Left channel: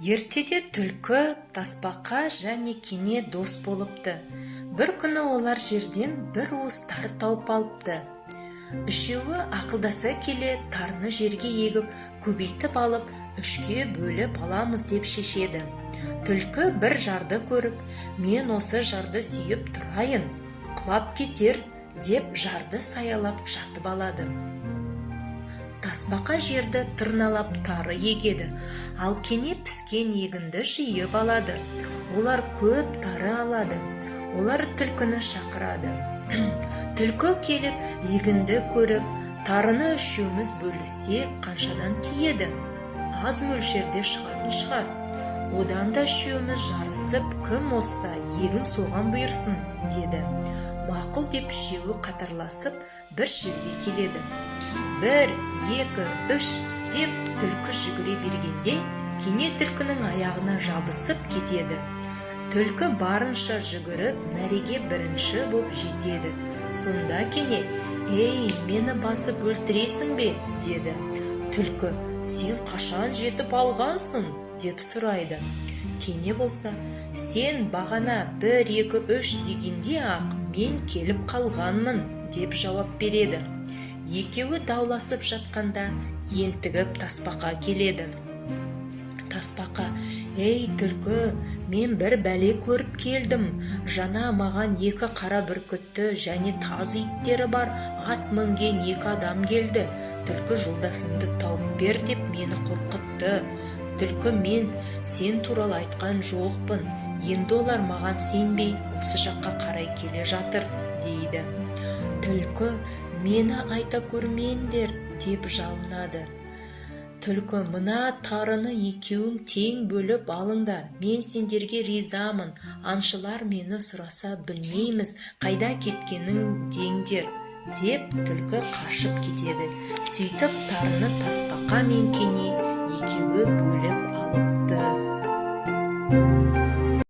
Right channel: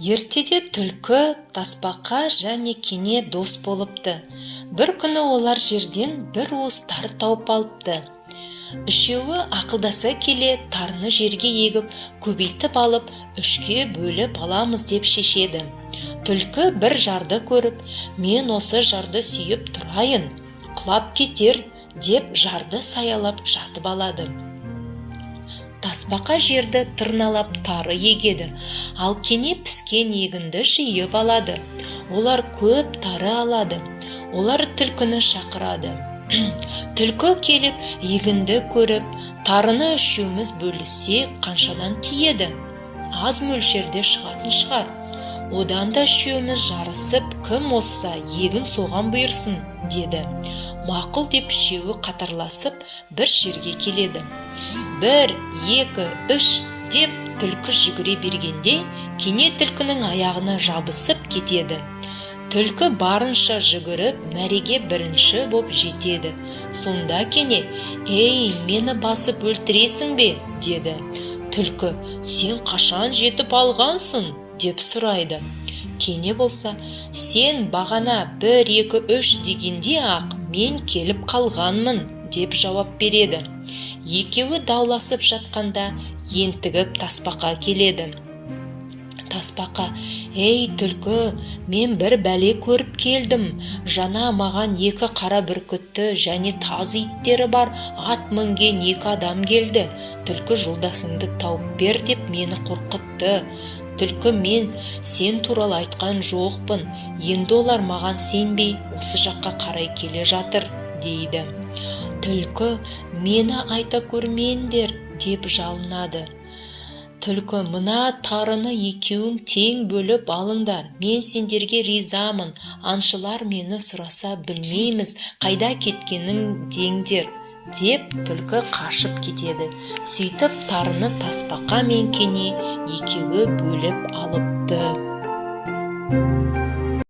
Ертеде түлкі, тасбақа және кене дос болыпты. Бір күні олар жерден бір уыс тар тауып алыпты. Үшеуі ақылдаса келе тарыны жерге егіп, көбейтіп алып, үшке бөліп аламыз деп шешеді. Түлкі бір жарды көріп, мен осы жарды сүйіп тұрайын, құлап кетер деп жарды саялап жатып алады. Тасбақа жерді тырналап тары егеді, ал кене піскен егінді жиып алады. Олар көп тары алады. Олар түлкіні шақырады. Түлкі келіп, егінді көріп, тарыны үшеуміз бөлісе қаншадан тиеді? Аз мөлшерде шығатын шығар. Одан да үшеуміз жарысып, кім озса егін соған бұйырсын, деді. Мақұл деп үшеуі қатарласып бір жерге келеді. 1, 2, 3 деп түлкі жүгіре бергенде кене түлкінің аяғына жабысып кетеді. Түлкі барынша жүгіріп, мәреге бірінші боп жетеді. Сонда кене, «Ей, мені басып өлтіресің бе?» деді. Түлкі, «Сен қашан жетіп алғансың?» деп сұрайды. Кене болса, «Сен бағана 1, 2, 3 дегенде ақ мен келіп қалғанмын» деп жауап береді. Екеуі дауласып жатқанда ентігіп тасбақа келеді. Тасбақа, «Ей, түлкі, мен бір бәле көріп келдім. Жаңа маған 2 қара бүркітті және тазы иттері бар ат мінген 2 адам келді. Түлкі, жолдасыңды тауып бер деп мені қорқытты. Түлкі, мен сен туралы айтқан жоқпын. Енді олар маған сенбей осы жаққа қарай келе жатыр», дейді. Түлкі, «Мені айта көрмеңдер» деп жалынады. Түлкі, «Мына тарыны екеуің тең бөліп алыңдар. Мен сендерге ризамын. Аңшылар мені сұраса білмейміз, қайда кеткенің деңдер» деп түлкі қашып кетеді. Сөйтіп тарыны тасбақа мен кене екеуі бөліп алыпты.